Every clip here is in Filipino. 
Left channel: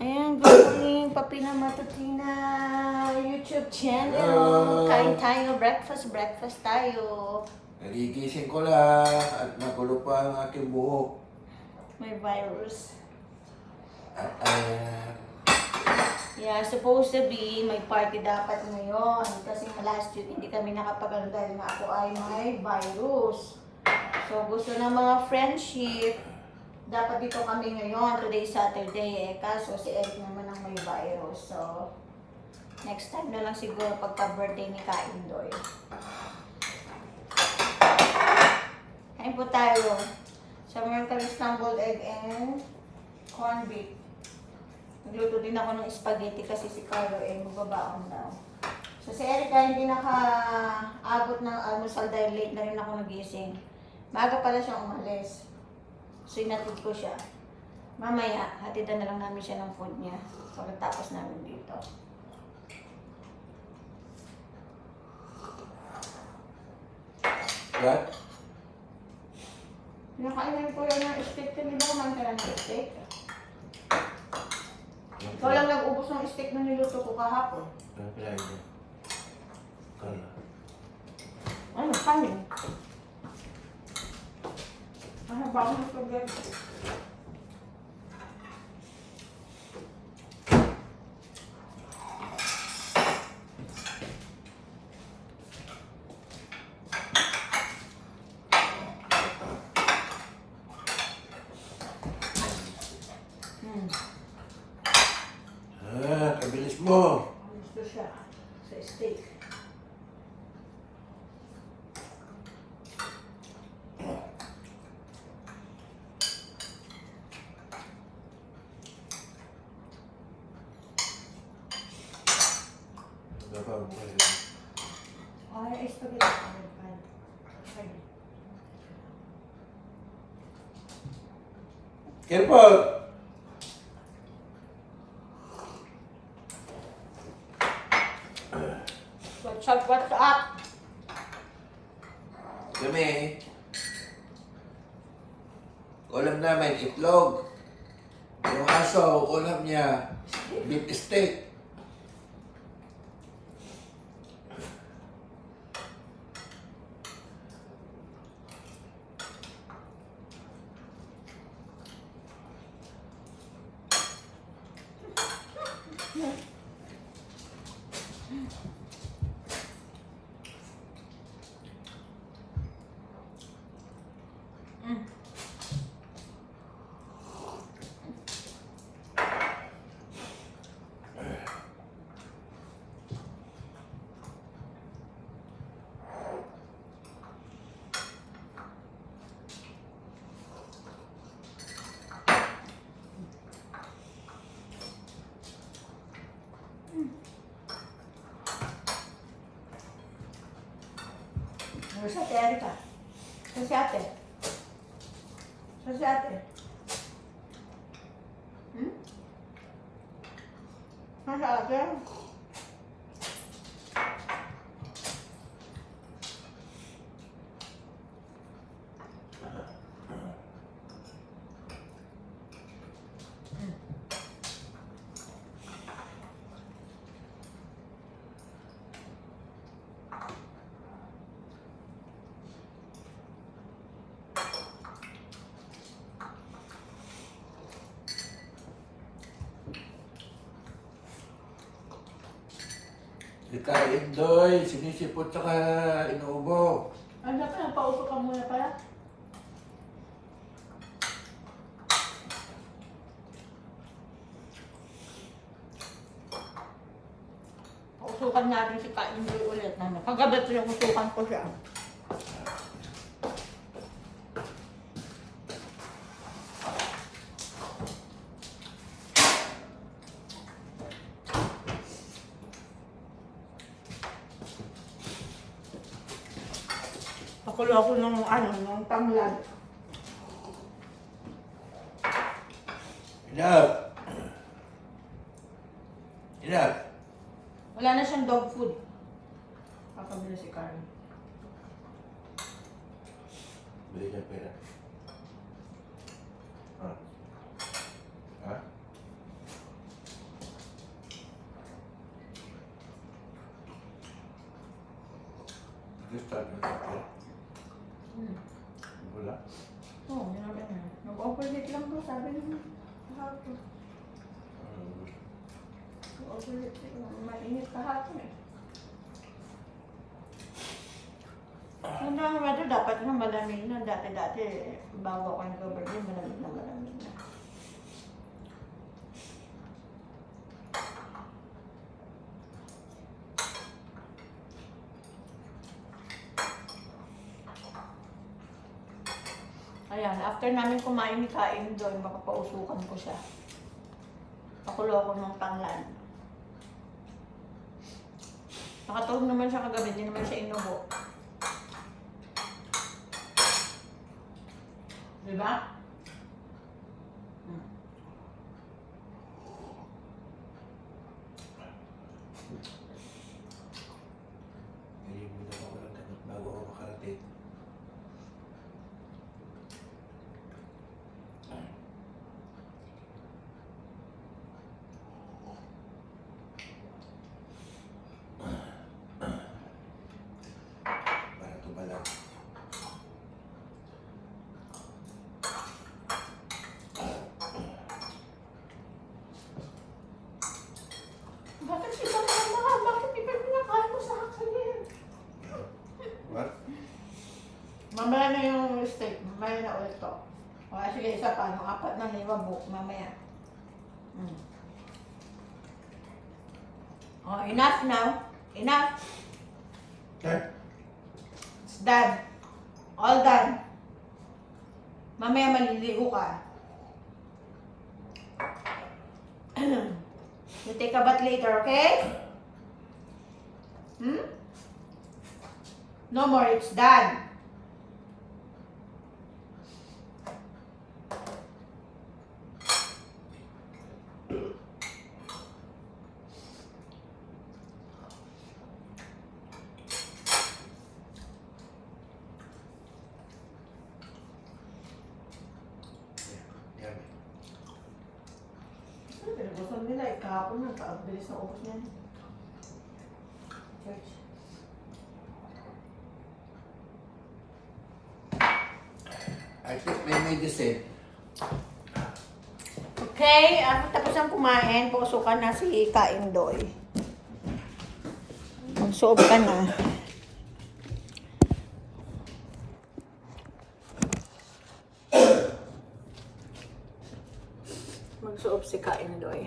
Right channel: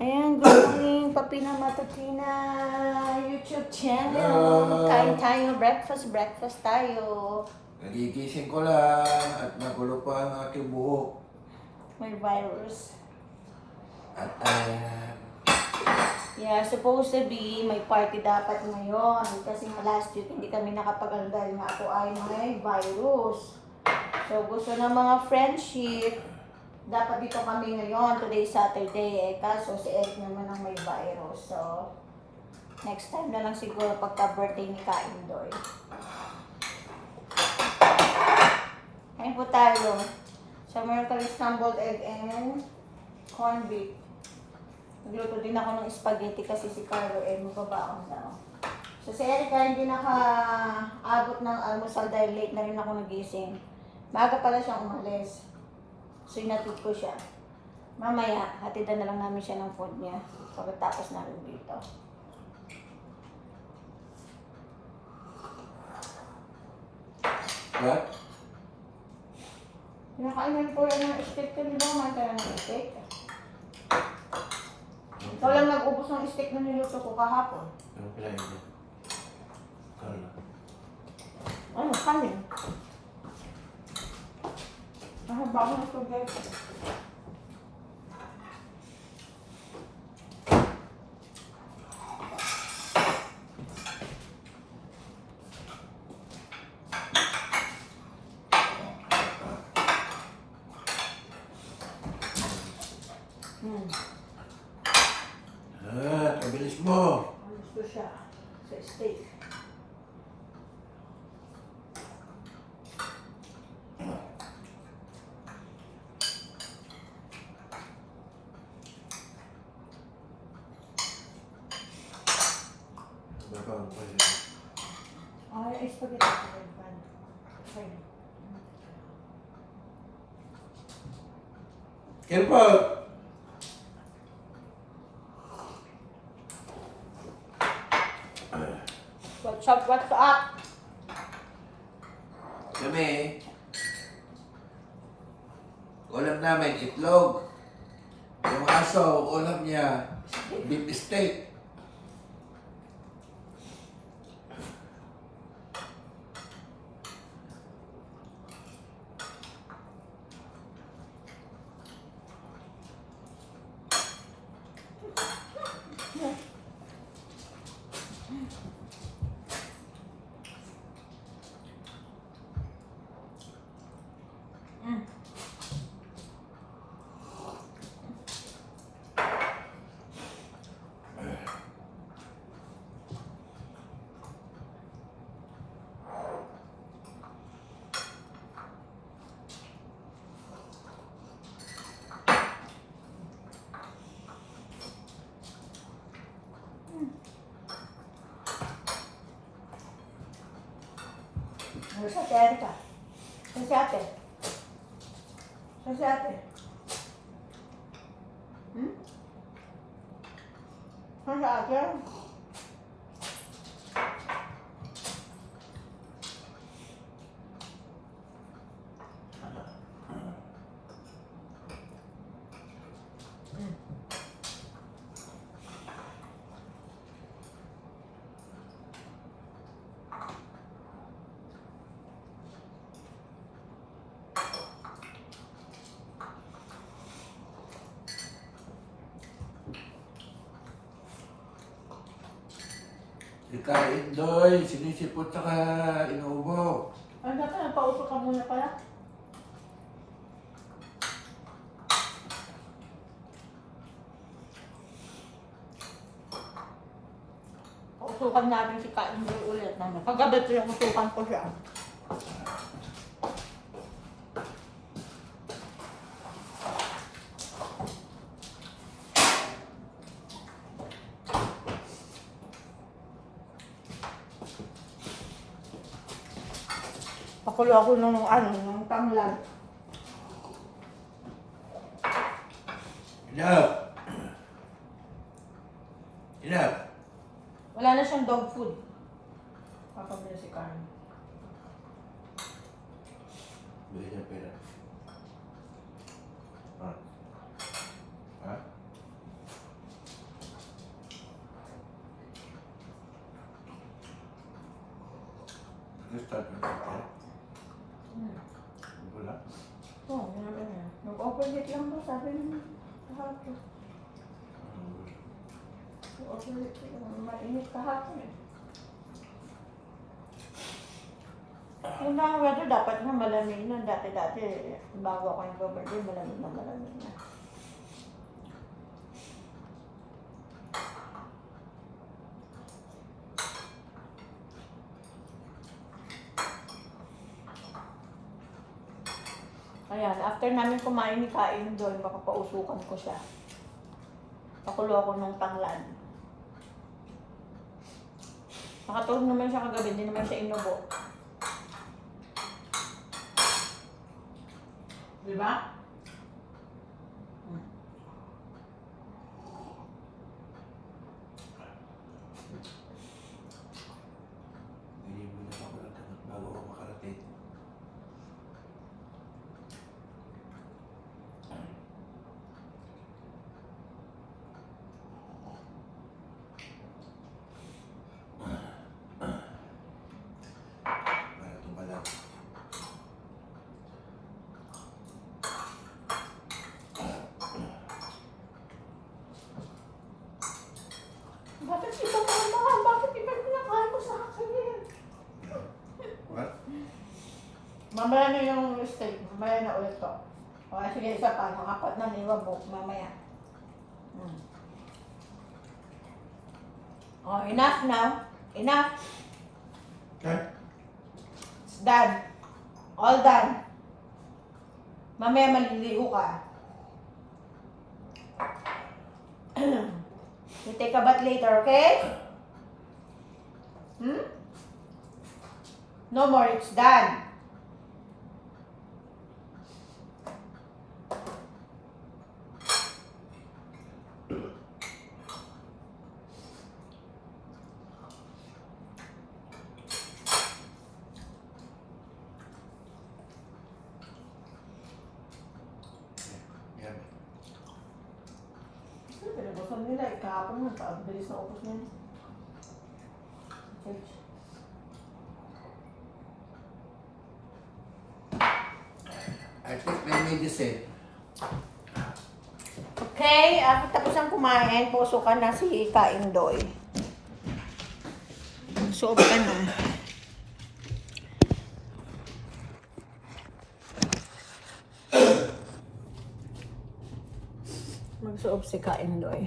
Ayan, good morning, Papina Matutina YouTube channel. Kain tayo, breakfast tayo. Nagigising ko lang at magulo pa ang aking buhok. May virus. At Yeah, supposed to be, may party dapat ngayon. Kasi last week hindi kami nakapag-ano dahil nga ako ay may virus. So gusto ng mga friendship, dapat dito kami ngayon, today Saturday kaso si Eric naman ang may virus. So, next time na lang siguro pagka-birthday ni Kaindoy. Kain po tayo. So, meron kami scrambled egg and corned beef. Nagluto din ako ng spaghetti kasi si Carlo ay magbabaon daw. So, si Eric ay hindi naka-abot ng almusal dahil late na rin ako nagising. Maaga pala siyang umalis. So, inatid ko siya. Mamaya, hatidan na lang namin siya ng food niya. Pagkatapos namin dito. what? Pinakainan ko yan ng steak. Hindi ba kumain ka ng steak? Ikaw lang nag-ubos ng steak na niluto ko kahapon. Ano kaya yun? Kala. Ano? Kanin? Mahaba ko ng spaghetti. Kabilis mo. Gusto siya sa steak. Babaw ko yun. Ay, spaghetti ko rin pa. Okay. Careful! What's up? Kami, ulam namin itlog. Yung aso, ulam niya, beef steak. Ano sa ate, Erika? Ano si ate? Ano si ate? Ano si ate? Ikain doy, sinisipot saka inuubo. Ano pa, nagpaupo ka muna pala? Usukan natin si Kaindoy ulit na. Kagabi usukan ko siya. Pakulo ako ng tanglad. Enough! Enough! Wala na siyang dog food. Papabili si Karen. Bili niya pera. Ha? Ha? Start na natin. Wala. Oo, namin na. Nag-overheat lang daw, sabi naman. Kahapon. Nag-overheat lang. Mainit kahapon eh. Una ang weather, dapat nga malamig na. Dati-dati, bago ako nag-overheat, malamig na. Ayan, after namin kumain ni Kain doon, baka pausukan ko siya. Pakulo ako nung tanglad. Nakatulog naman siya kagabi, hindi naman siya inubo. Diba? Hindi muna ako ng gamot bago ako makarating. Para tumalang. Bakit siya mahal? Bakit iba pinakain mo sa akin eh? What? Mamaya na yung steak. Mamaya na ulit to. O, sige, isa pa. Nung 4 na liwabok. Mamaya. Oh, enough now. Enough. Okay. It's done. All done. Mamaya maliligo ka. You take a bath later, okay? No more, it's done. Yan. Gusto nila, kahapon mo, bilis na ubos niyan. Church. I think may medicine. Okay, tapos ang kumain, pusukan na si Kaindoy. Magsuob ka na. Magsuob si Kaindoy.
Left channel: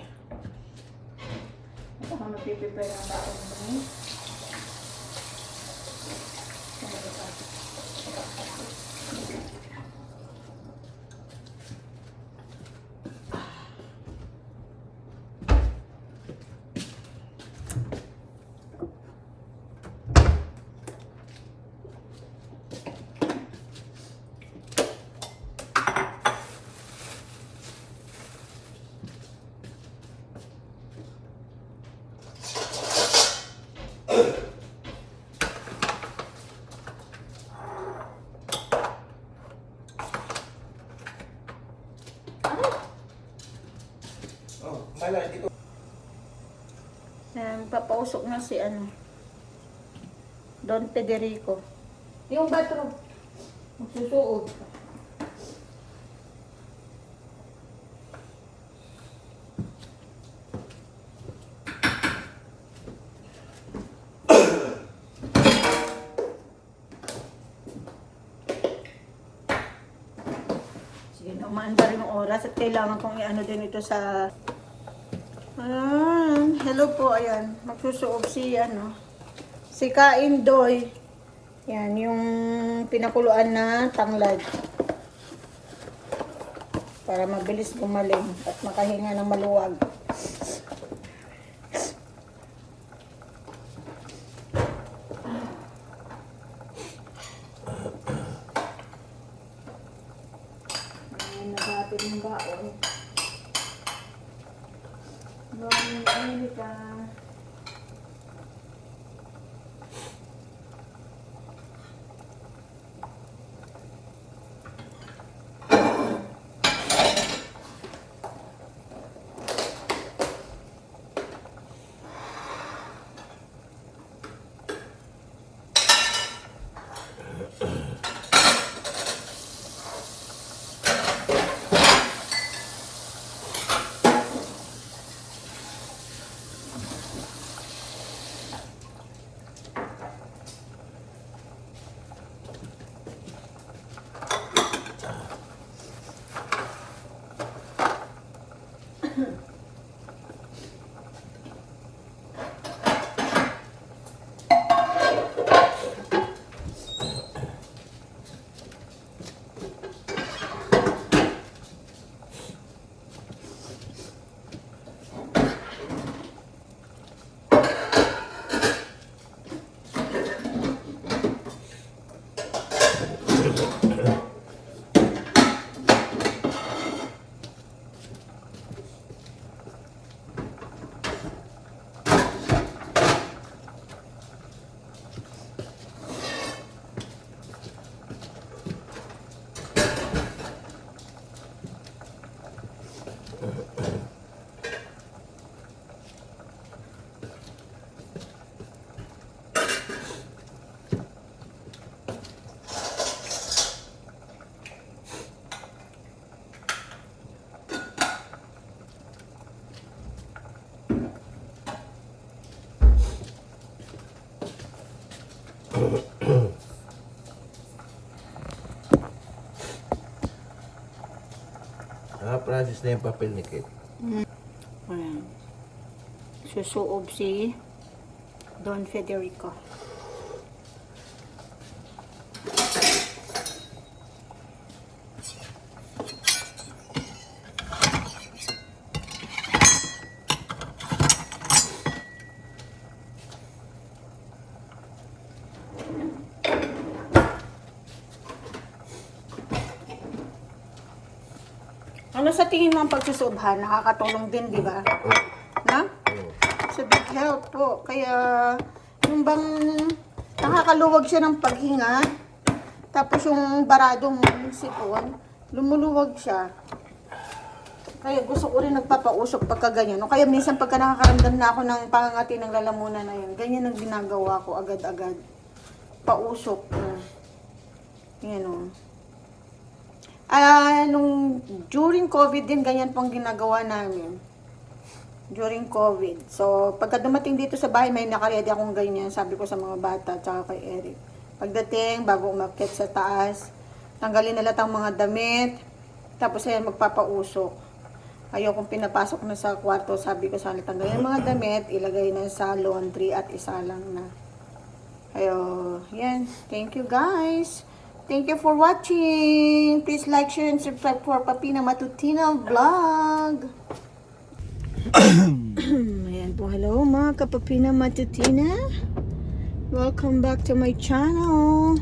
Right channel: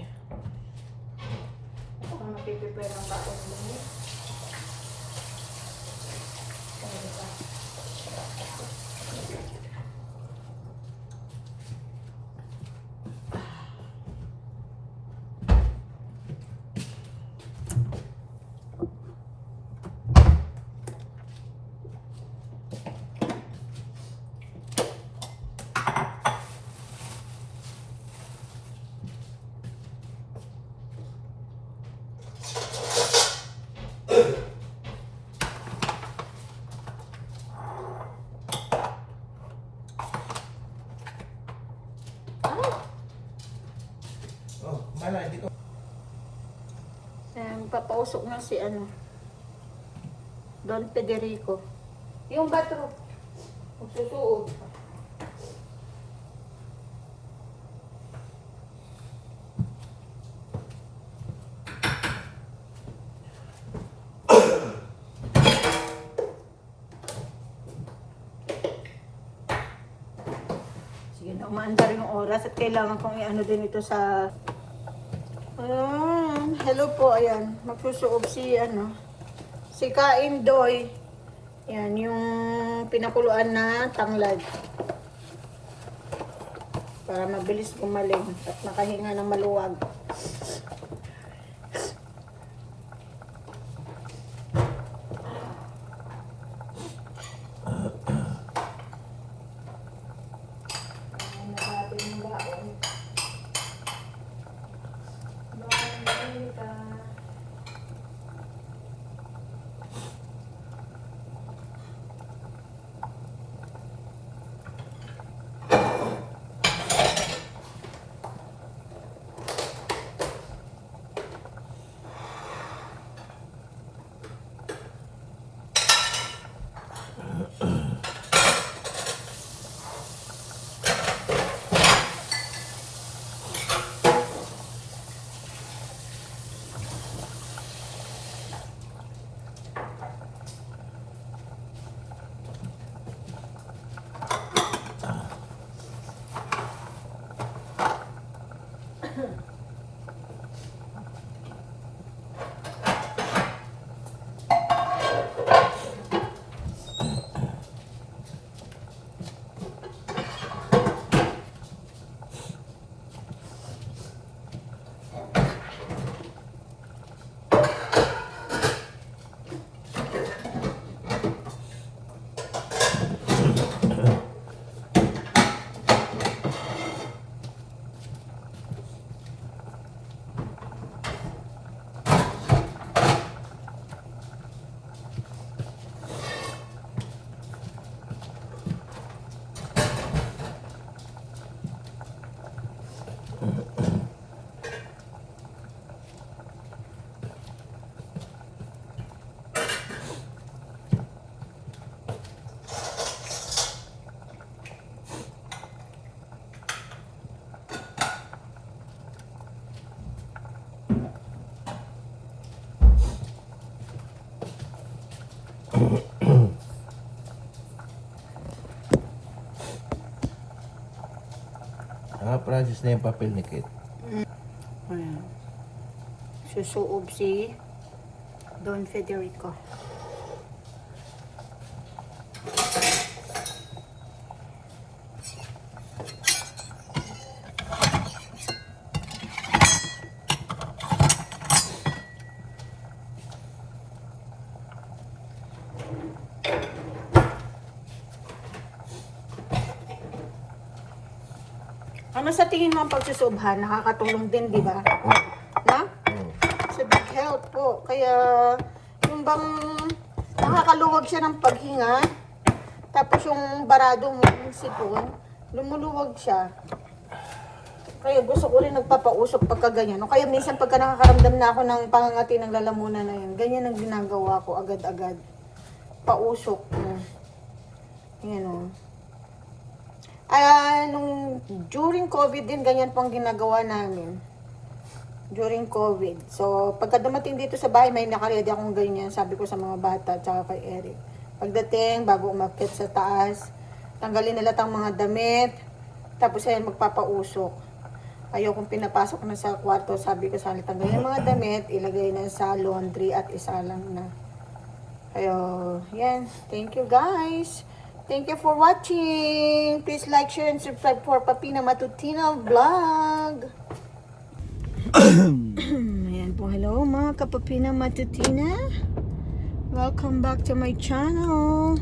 Ako magpipipay ng baon mo. Oh, mala, hindi ko. Papausok na si ano. Don Federico. Yung bathroom. Magsusuot. Sige na, umaandar yung oras at kailangan kong i-ano din ito sa... hello po, ayan. Magsusuob si ano. Si Kaindoy. Yan, yung pinakuluan na tanglad. Para mabilis gumaling at makahinga na maluwag. Francis na yung papel ni Kate. Ayan. Susuob si Don Federico. Ano sa tingin mo ang pagsusubhan? Nakakatulong din, di ba? Na? Sa big help po. Kaya, yung bang nakakaluwag siya ng paghinga, tapos yung baradong sipon, lumuluwag siya. Kaya gusto ko rin nagpapausok pagka ganyan. O kaya minsan pagka nakakaramdam na ako ng pangangati ng lalamunan na yun, ganyan ang ginagawa ko agad-agad. Pausok. Yan o. During COVID din, ganyan pong ginagawa namin. During COVID. So, pagka dumating dito sa bahay, may nakaredy akong ganyan. Sabi ko sa mga bata, tsaka kay Eric. Pagdating, bago umakyat sa taas, tanggalin nila ang mga damit, tapos ay magpapausok. Ayokong pinapasok na sa kwarto, sabi ko sana, tanggalin ang mga damit, ilagay na sa laundry at isa lang na. Kaya, yan. Thank you guys. Thank you for watching. Please like, share, and subscribe for Papina Matutina Vlog. Ayan po, hello mga kapapina Matutina. Welcome back to my channel.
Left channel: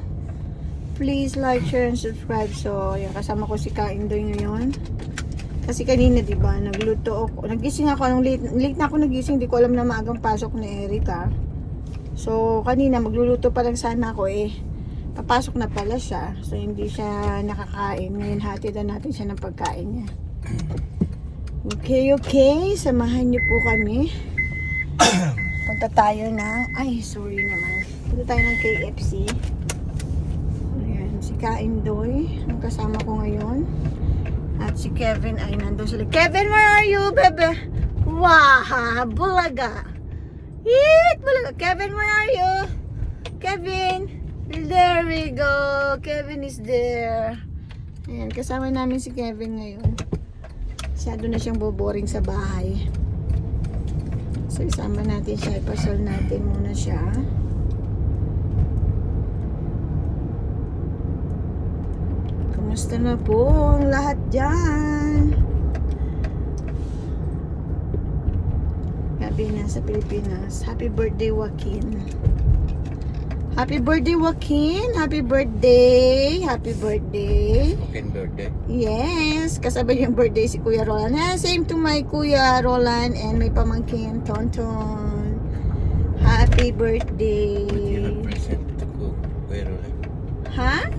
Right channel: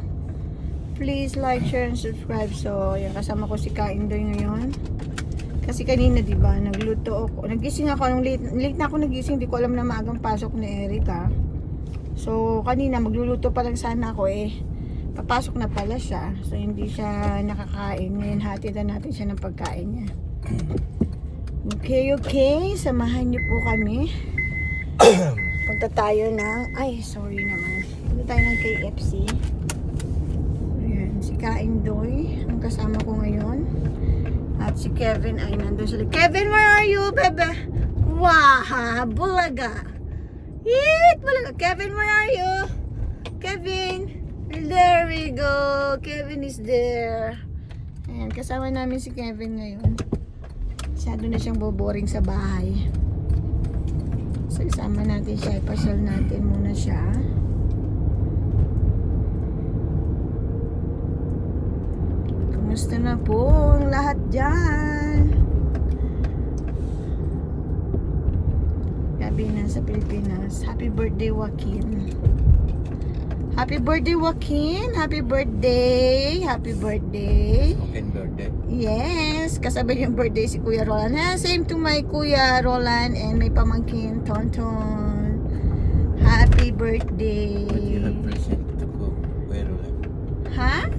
Please like, share, and subscribe. So, yan, kasama ko si Kaindoy ngayon. Kasi kanina, di ba, nagluto ako. Nagising ako, late na ako nagising. Di ko alam na maagang pasok ni Erica. So, kanina, magluluto pa lang sana ako eh. Papasok na pala siya. So, hindi siya nakakain. Ngayon, hatid na natin siya ng pagkain niya. Okay. Samahan niyo po kami. Punta tayo ng... Ay, sorry naman. Punta tayo ng KFC. Ayan, si Kaindoy. Ang kasama ko ngayon. At si Kevin ay nandun sila. Kevin, where are you, bebe? Wow, bulaga. Eat, bulaga. Kevin, where are you? Kevin. There we go. Kevin is there. Ayan, kasama namin si Kevin ngayon. Masyado na siyang boboring sa bahay. So, isama natin siya. Ipasol natin muna siya. Kamusta na po ang lahat dyan? Gabi na sa Pilipinas. Happy birthday, Joaquin. Happy birthday, Joaquin. Happy birthday. Happy birthday. Joaquin birthday. Yes. Kasabay yung birthday si Kuya Roland. Same to my Kuya Roland and may pamangkin, Tonton. Happy birthday. What you have present to Kuya Roland? Ha?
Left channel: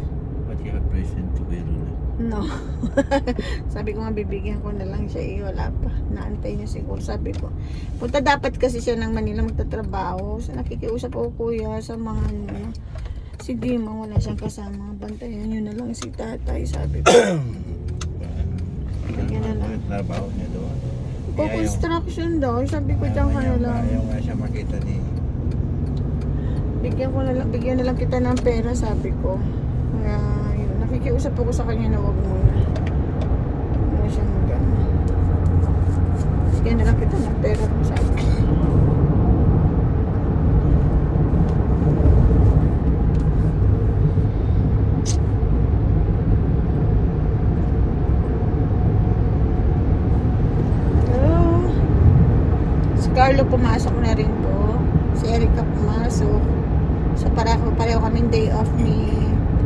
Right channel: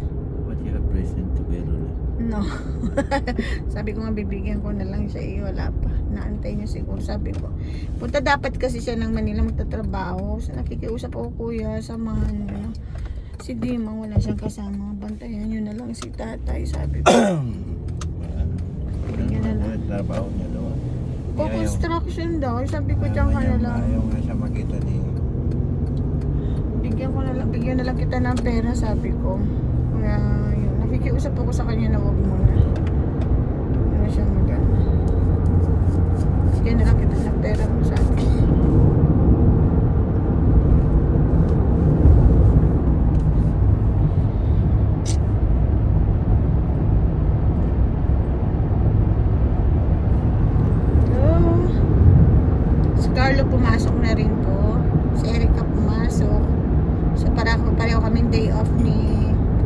What you have present to Kuya Roland? No. Sabi ko nga bibigyan ko na lang siya. Wala pa. Naantay niya siguro. Sabi ko. Punta dapat kasi siya ng Manila magtatrabaho. So nakikiusap ako, kuya. Samahan niyo. Sige, wala siyang kasama. Bantayan niyo na lang si tatay. Sabi ko. Yan na lang. Trabaho niya doon. Construction daw. Sabi ko dyan ka na lang. Ayaw nga siya makita ni... Bigyan na lang kita ng pera, sabi ko. Kaya yun. Nakikiusap ako sa kanya na wag muna. Ano siya magana. Bigyan na lang kita ng pera, sabi ko. Carlo pumasok na rin po. Si Erica pumasok. So pareho kaming day off ni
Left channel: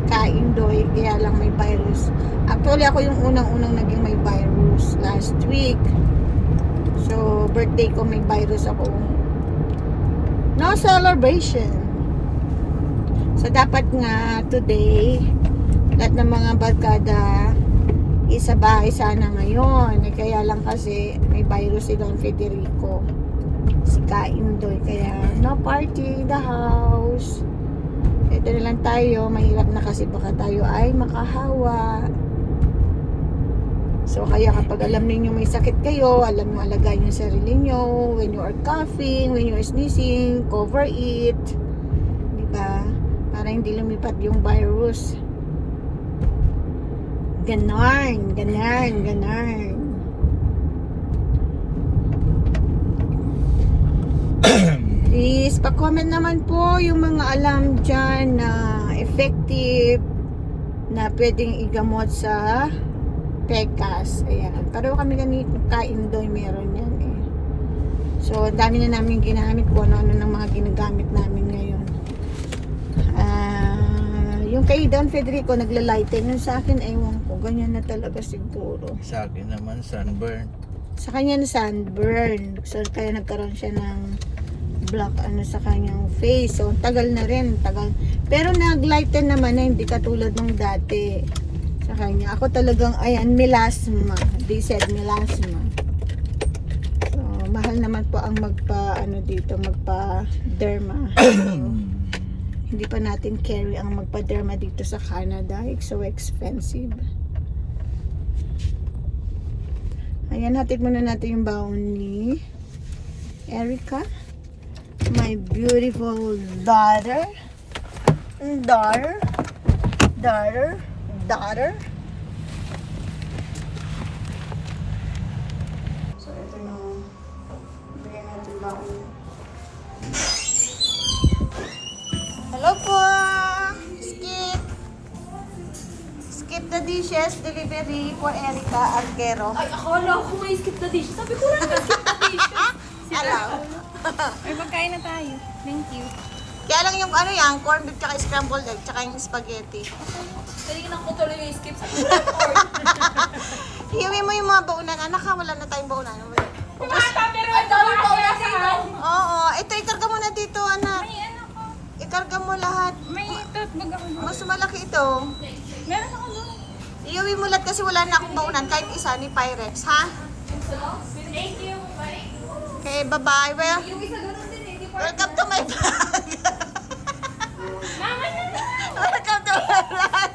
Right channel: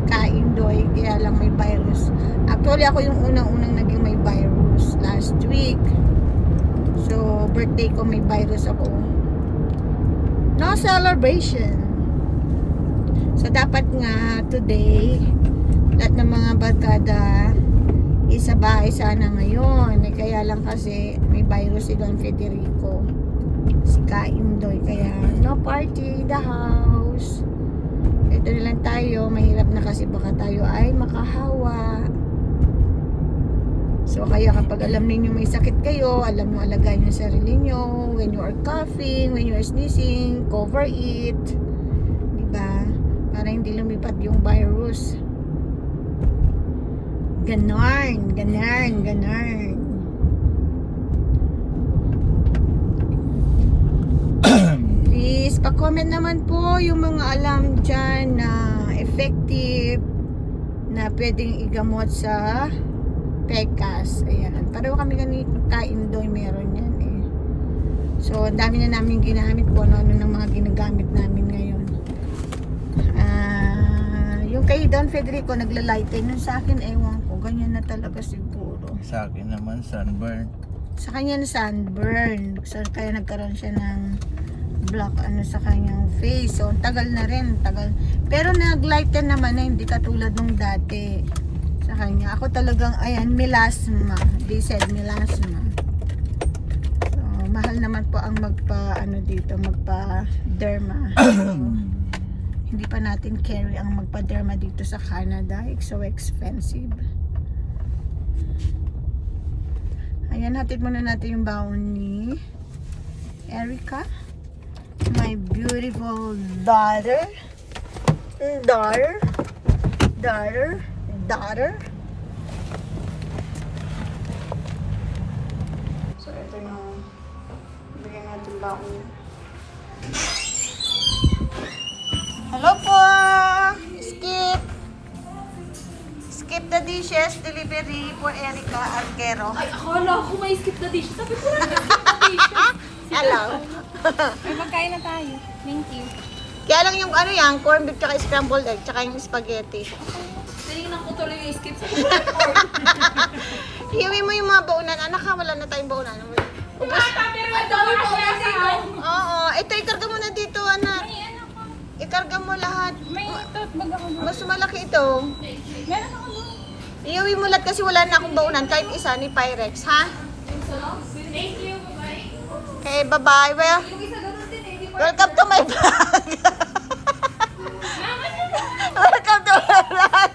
Kaindoy. Kaya lang may virus. Actually ako yung unang-unang naging may virus last week. So birthday ko may virus ako. No celebration. So dapat nga today lahat ng mga barkada isa bahay sana ngayon. Kaya lang kasi may virus si Don Federico. Si Kaindoy, kaya no party in the house. Ito na lang tayo, mahirap na kasi baka tayo ay makahawa. So kaya kapag alam niyo may sakit kayo, alam niyo alagayin yung sarili niyo. When you are coughing, when you are sneezing, cover it, diba? Para hindi lumipad yung virus. Ganon. guys, pa-comment naman po yung mga alam dyan na effective na pwedeng igamot sa PECAS. Ayan. Pareho kami ganito ka-Indoy meron yan eh. So, ang dami na namin ginamit kung ano-ano ng mga ginagamit namin ngayon. Yung kay Don Federico nagla-lighten. Yung sa akin, ewan ko. Ganyan na talaga siguro. Sa akin naman, sunburn. Sa kanya na sunburn. So, kaya nagkaroon siya ng black ano sa kanyang face. So, tagal na rin. Tagal. Pero nag-lighten naman na hindi katulad nung dati sa kanya. Ako talagang, ayan, melasma. They said melasma. So, mahal naman po ang magpa-derma. Hindi pa natin carry ang magpa-derma dito sa Canada. It's so expensive. Ayan, hatid muna natin yung baon ni Erica. My beautiful daughter. Daughter. So, ito yung bigyan natin baon. Hello po! Skip the dishes, delivery for Erica Arquero. Ay, akala ko may skip the dish. Sabi ko na skip the dish. Hello. Ay, magkain na tayo. Thank you. Kaya lang yung ano yan, corned beef, tsaka scrambled egg, tsaka yung spaghetti. Tinignan ko tuloy yung skip. Hiwi mo yung mga baunan. Anak ha, wala na tayong baunan. Ubus. Pero ang dami ko na dito. Oo, ito ikarga mo na dito, anak. May ano ko. Ikarga mo lahat. May tote bag ako doon. Mas malaki ito. Meron ako doon. Iuwi mo lahat kasi wala na akong baunan, kahit isa ni Pyrex, ha? Thank you. Bye. Okay, bye-bye. Well, Yung isa ganun din eh. Di ba? welcome to my vlog. Mama na. Welcome to my vlog.